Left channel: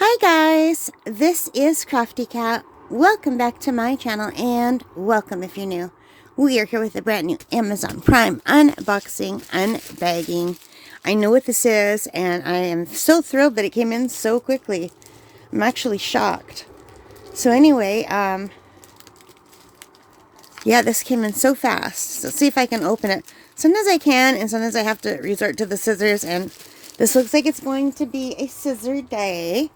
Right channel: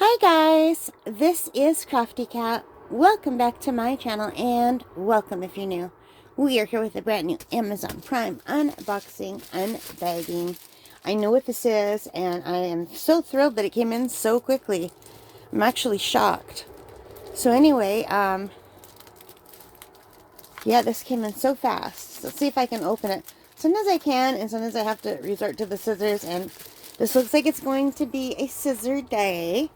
Hi guys, this is Crafty Cat. Welcome back to my channel and welcome if you're new. We are here with a brand new Amazon Prime unboxing, unbagging. I know what this is and I am so thrilled that it came in so quickly. I'm actually shocked. So anyway, yeah, this came in so fast. So let's see if I can open it. Sometimes I can and sometimes I have to resort to the scissors, and this looks like it's going to be a scissor day.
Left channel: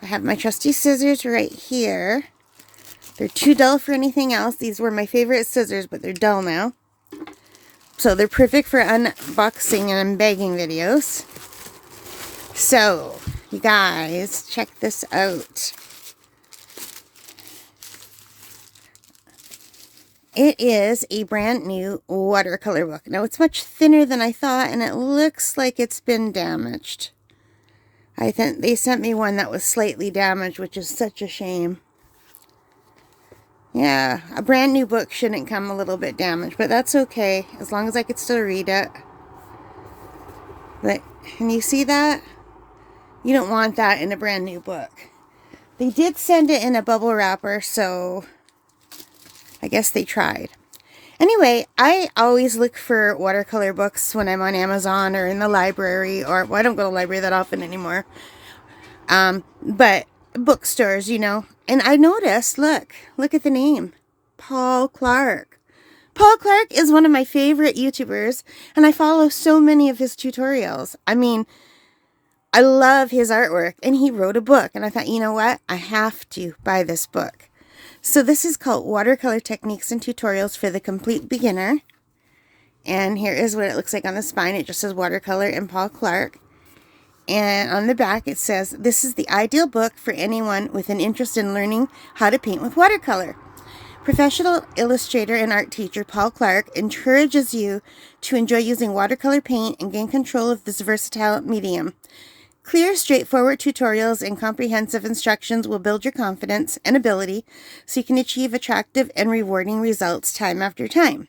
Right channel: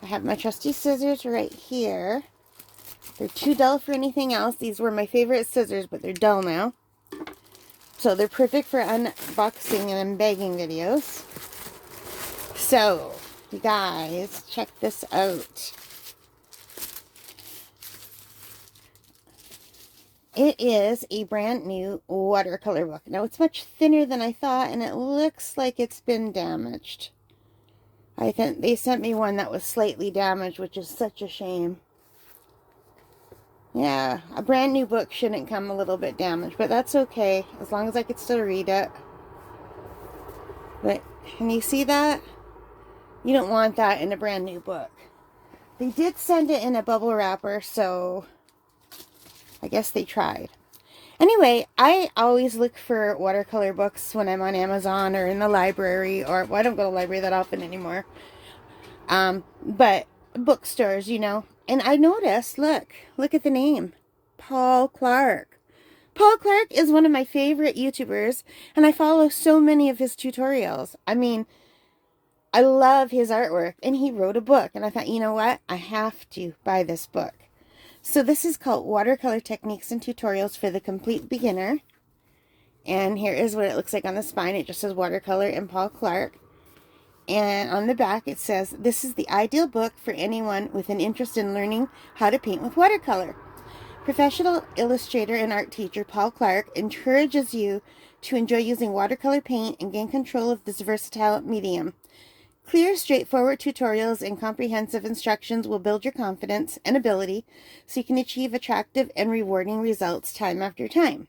I have my trusty scissors right here. They're too dull for anything else. These were my favorite scissors, but they're dull now. So they're perfect for unboxing and unbagging videos. So, you guys, check this out. It is a brand new watercolor book. Now, it's much thinner than I thought, and it looks like it's been damaged. I think they sent me one that was slightly damaged, which is such a shame. Yeah, a brand new book shouldn't come a little bit damaged, but that's okay, as long as I could still read it. But, can you see that? You don't want that in a brand new book. They did send it in a bubble wrapper, so I guess they tried. Anyway, I always look for watercolor books when I'm on Amazon or in the library, or, well, I don't go to the library that often anymore. But bookstores, you know. And I noticed, look at the name, Paul Clark. Paul Clark is one of my favorite YouTubers, and I follow so many of his tutorials. I mean, I love his artwork, and he wrote a book, and I thought, you know what? I have to buy this book. So this is called Watercolor Techniques and Tutorials for the Complete Beginner. And here is what it looks like on the spine. It just says Watercolor and Paul Clark. And on the back it says, this is the ideal book for anyone with an interest in learning how to paint with watercolor. Professional illustrator and art teacher Paul Clark encourages you to enjoy using watercolor paint and gain control of this versatile medium. Clear, straightforward tutorials and comprehensive instructions will build your confidence and ability so you can achieve attractive and rewarding results time after time.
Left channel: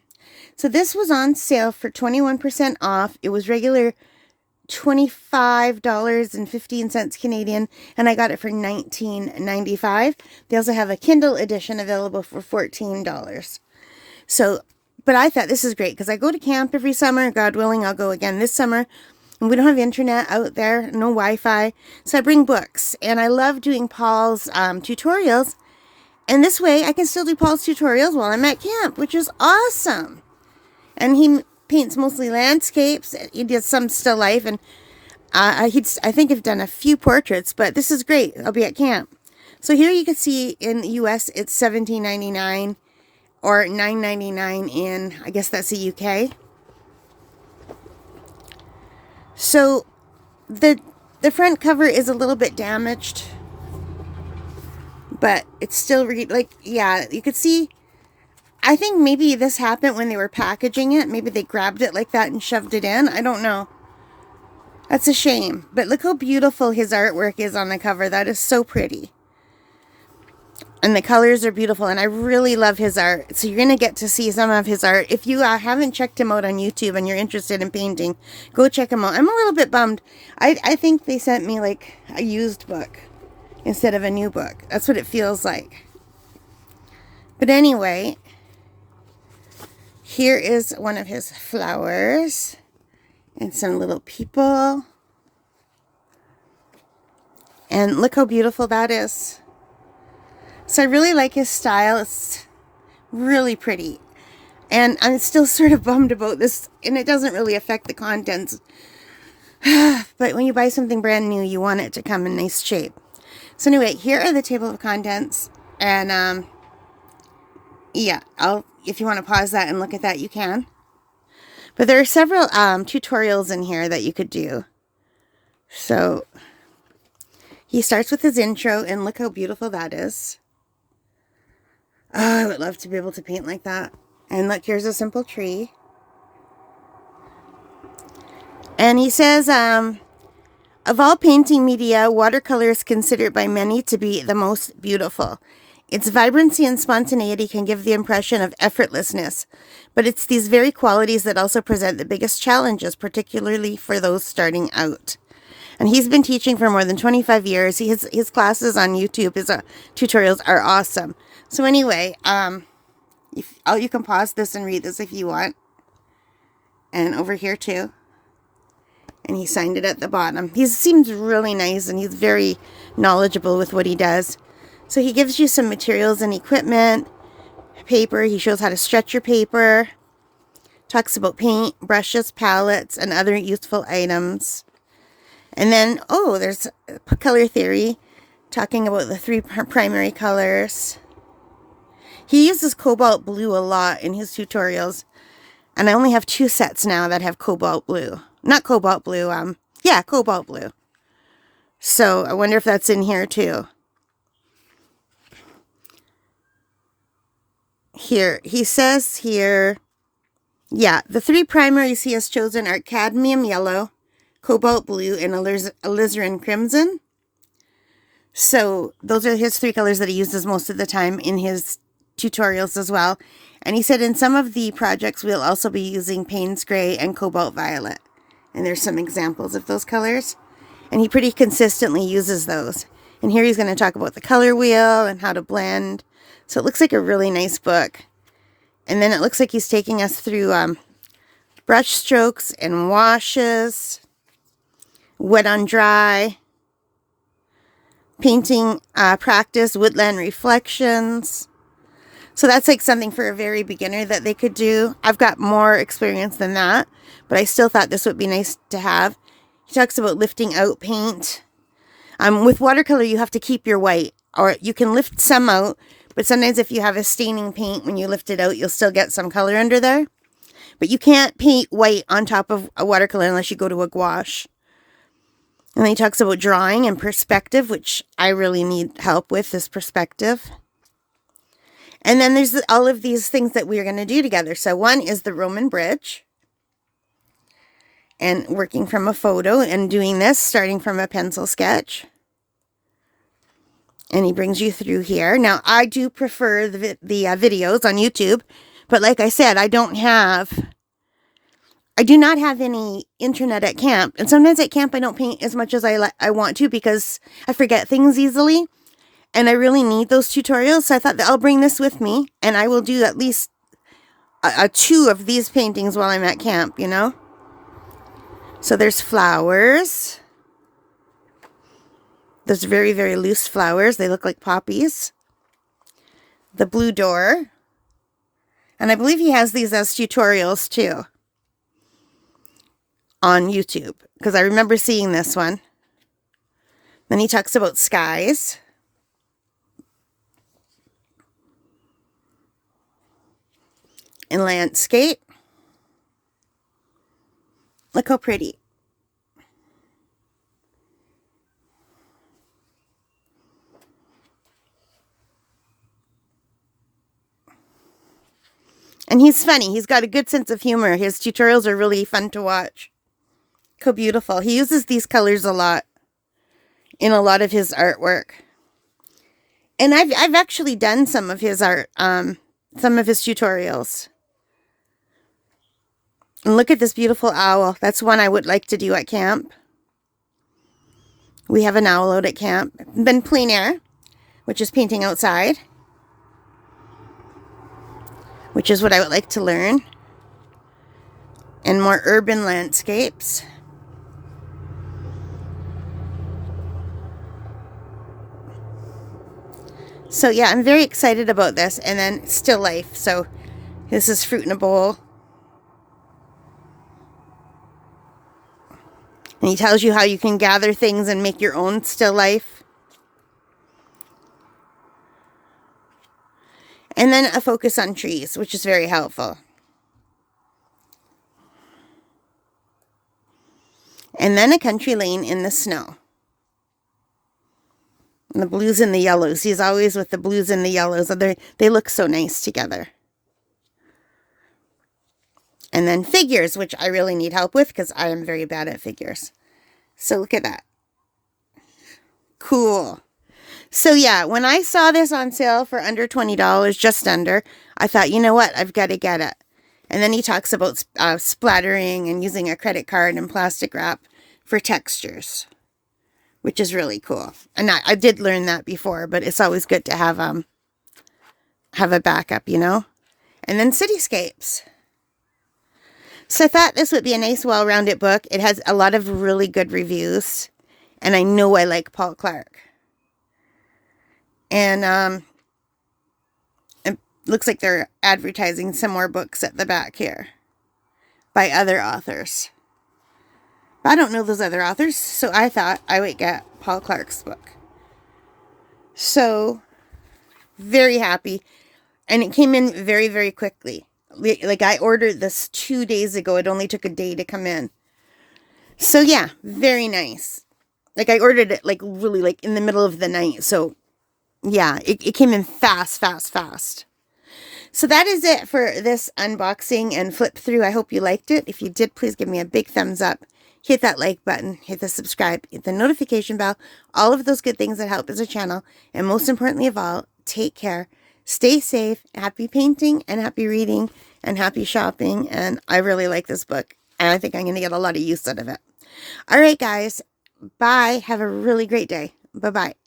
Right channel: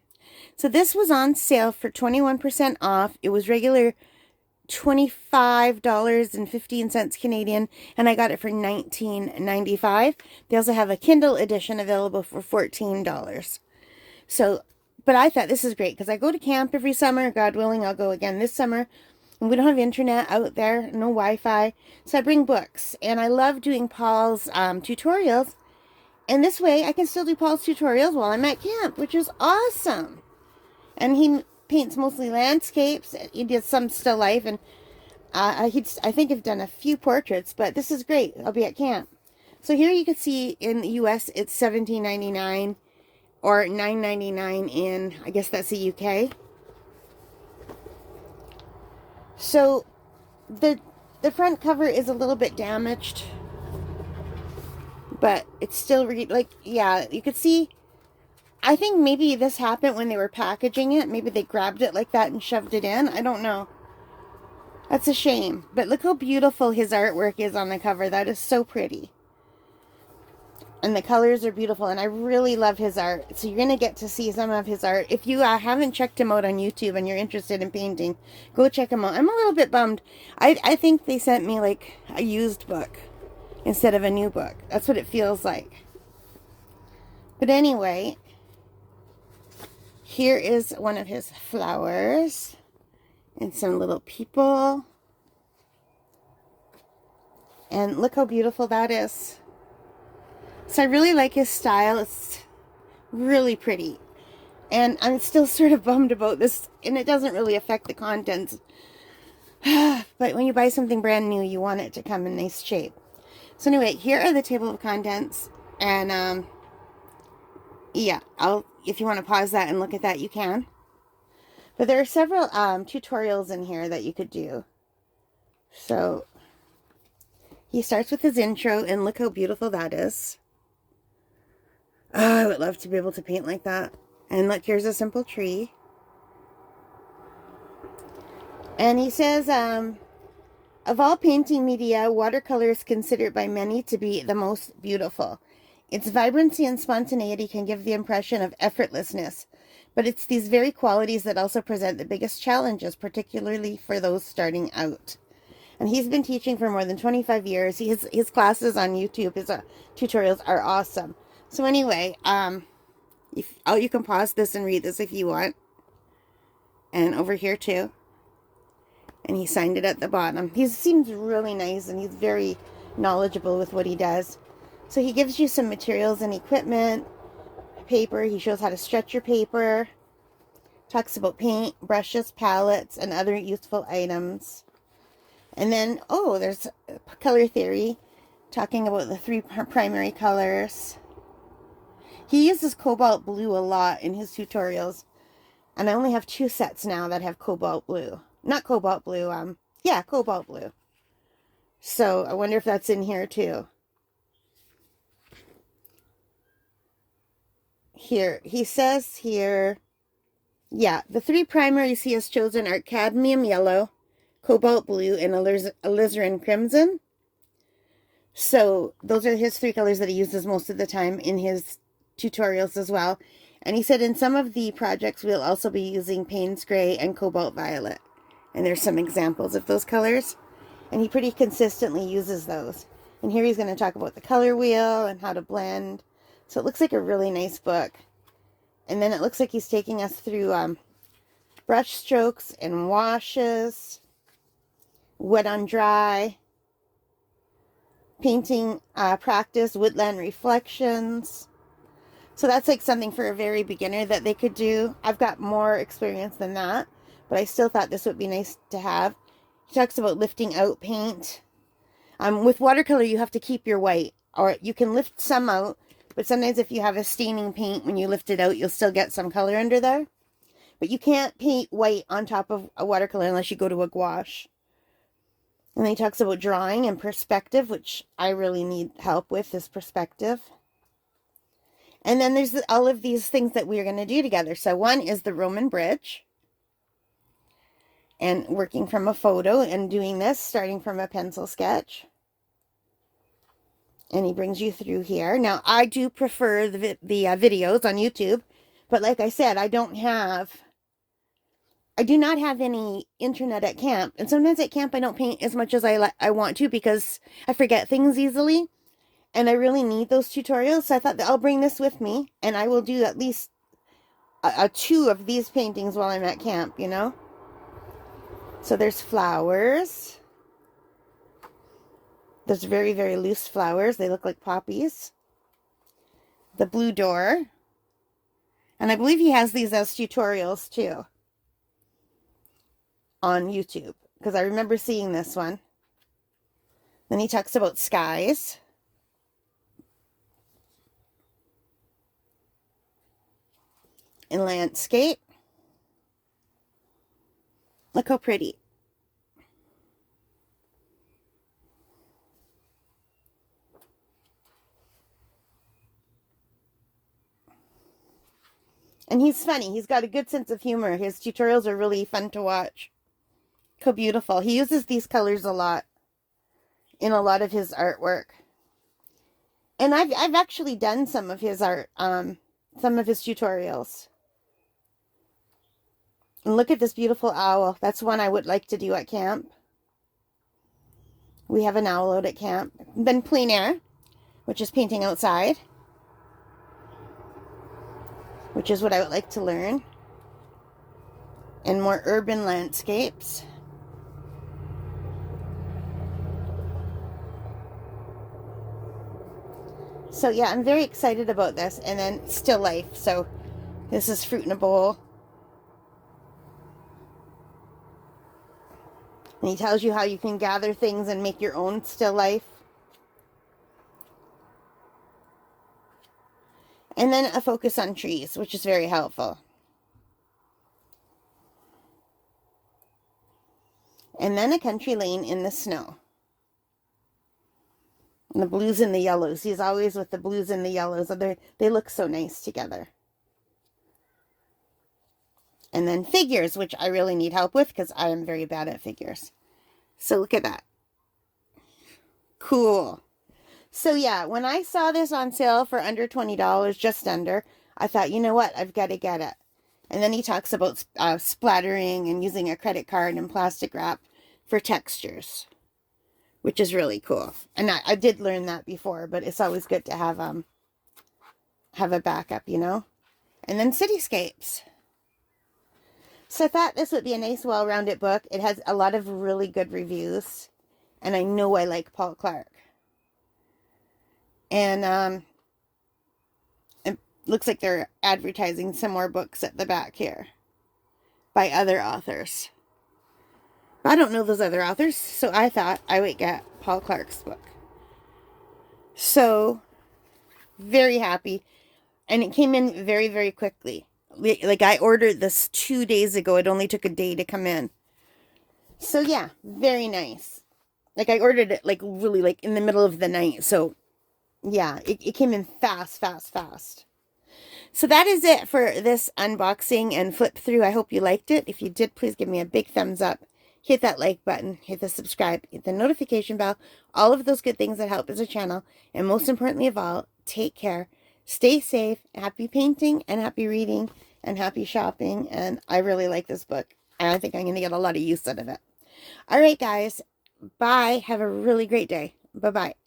So this was on sale for 21% off. It was regular $25.15 Canadian, and I got it for $19.95. They also have a Kindle edition available for $14. So, but I thought this is great because I go to camp every summer. God willing, I'll go again this summer. And we don't have internet out there, no Wi-Fi, so I bring books. And I love doing Paul's tutorials. And this way, I can still do Paul's tutorials while I'm at camp, which is awesome. And he paints mostly landscapes. He did some still life, and I think I've done a few portraits, but this is great. I'll be at camp. So here you can see in the US, it's $17.99 or $9.99 in, I guess that's the UK. So the front cover is a little bit damaged, but it's still yeah, you could see. I think maybe this happened when they were packaging it. Maybe they grabbed it like that and shoved it in. I don't know. That's a shame. But look how beautiful his artwork is on the cover. That is so pretty. And the colors are beautiful, and I really love his art. So you're going to get to see some of his art. If you haven't checked him out on YouTube and you're interested in painting, go check him out. I'm a little bit bummed. I think they sent me like a used book instead of a new book. That's what it feels like. But anyway, here is one of his flowers and some little people. And look how beautiful that is. So I really like his style. It's really pretty. And I'm still sort of bummed about this, and it doesn't really affect the contents. But when you buy something brand new, you want it to come in nice shape. So anyway, here are the table of contents. And yeah, if you want to pause that and look at that, you can. But there are several tutorials in here that you could do. So he starts with his intro, and look how beautiful that is. Oh, I would love to be able to paint like that. And look, here's a simple tree. And he says, of all painting media, watercolor is considered by many to be the most beautiful. Its vibrancy and spontaneity can give the impression of effortlessness, but it's these very qualities that also present the biggest challenges, particularly for those starting out. And he's been teaching for more than 25 years. His classes on YouTube, his tutorials are awesome. So anyway, you can pause this and read this if you want. And over here too. And he signed it at the bottom. He seems really nice and he's very knowledgeable with what he does. So he gives you some materials and equipment, paper. He shows how to stretch your paper. Talks about paint, brushes, palettes, and other useful items. And then, oh, there's color theory, talking about the 3 primary colors. He uses cobalt blue a lot in his tutorials. And I only have 2 sets now that have cobalt blue. Not cobalt blue, yeah, cobalt blue. So I wonder if that's in here too. Here, he says here, yeah, the 3 primaries he has chosen are cadmium yellow, cobalt blue, and alizarin crimson. So those are his 3 colors that he uses most of the time in his tutorials as well. And he said in some of the projects we'll also be using Payne's gray and cobalt violet. And there's some examples of those colors. And he pretty consistently uses those. And here he's going to talk about the color wheel and how to blend. So it looks like a really nice book. And then it looks like he's taking us through brush strokes and washes, wet on dry, painting practice, woodland reflections. So that's like something for a very beginner that they could do. I've got more experience than that, but I still thought this would be nice to have. He talks about lifting out paint. With watercolor, you have to keep your white, or you can lift some out, but sometimes if you have a staining paint, when you lift it out, you'll still get some color under there. But you can't paint white on top of a watercolor unless you go to a gouache. And then he talks about drawing and perspective, which I really need help with, this perspective. And then there's all of these things that we're going to do together. So one is the Roman bridge. And working from a photo and doing this, starting from a pencil sketch. And he brings you through here. Now, I do prefer the videos on YouTube. But like I said, I do not have any internet at camp. And sometimes at camp, I don't paint as much as I want to because I forget things easily. And I really need those tutorials. So I thought that I'll bring this with me. And I will do at least 2 of these paintings while I'm at camp, you know. So there's flowers. There's very, very loose flowers. They look like poppies. The blue door. And I believe he has these as tutorials too on YouTube, because I remember seeing this one. Then he talks about skies. And landscape. Look how pretty. And he's funny. He's got a good sense of humor. His tutorials are really fun to watch. Look how beautiful. He uses these colors a lot in a lot of his artwork. And I've actually done some of his art, some of his tutorials. And look at this beautiful owl. That's one I would like to do at camp. We have an owl out at camp. Then plein air, which is painting outside, which is what I would like to learn. And more urban landscapes. So yeah, I'm very excited about this. And then still life. So this is fruit in a bowl. And he tells you how you can gather things and make your own still life. And then a focus on trees, which is very helpful. And then a country lane in the snow. And the blues and the yellows. He's always with the blues and the yellows. They look so nice together. And then figures, which I really need help with because I am very bad at figures. So look at that. Cool. So yeah, when I saw this on sale for under $20, just under, I thought, you know what? I've got to get it. And then he talks about splattering and using a credit card and plastic wrap for textures. which is really cool. And I did learn that before, but it's always good to have a backup, you know? And then cityscapes. So I thought this would be a nice, well-rounded book. It has a lot of really good reviews, and I know I like Paul Clark. And it looks like they're advertising some more books at the back here by other authors. I don't know those other authors, so I thought I would get Paul Clark's book. So, very happy. And it came in very, very quickly. Like, I ordered this 2 days ago. It only took a day to come in. So, yeah, very nice. Like, I ordered it, like, really, like, in the middle of the night. So, yeah, it came in fast, fast, fast. So that is it for this unboxing and flip through. I hope you liked it. If you did, please give me a big thumbs up. Hit that like button, hit the subscribe, hit the notification bell, all of those good things that help as a channel. And most importantly of all, take care, stay safe, happy painting and happy reading and happy shopping. And I really like this book, and I think I'm going to get a lot of use out of it. All right, guys, bye. Have a really great day. Bye-bye.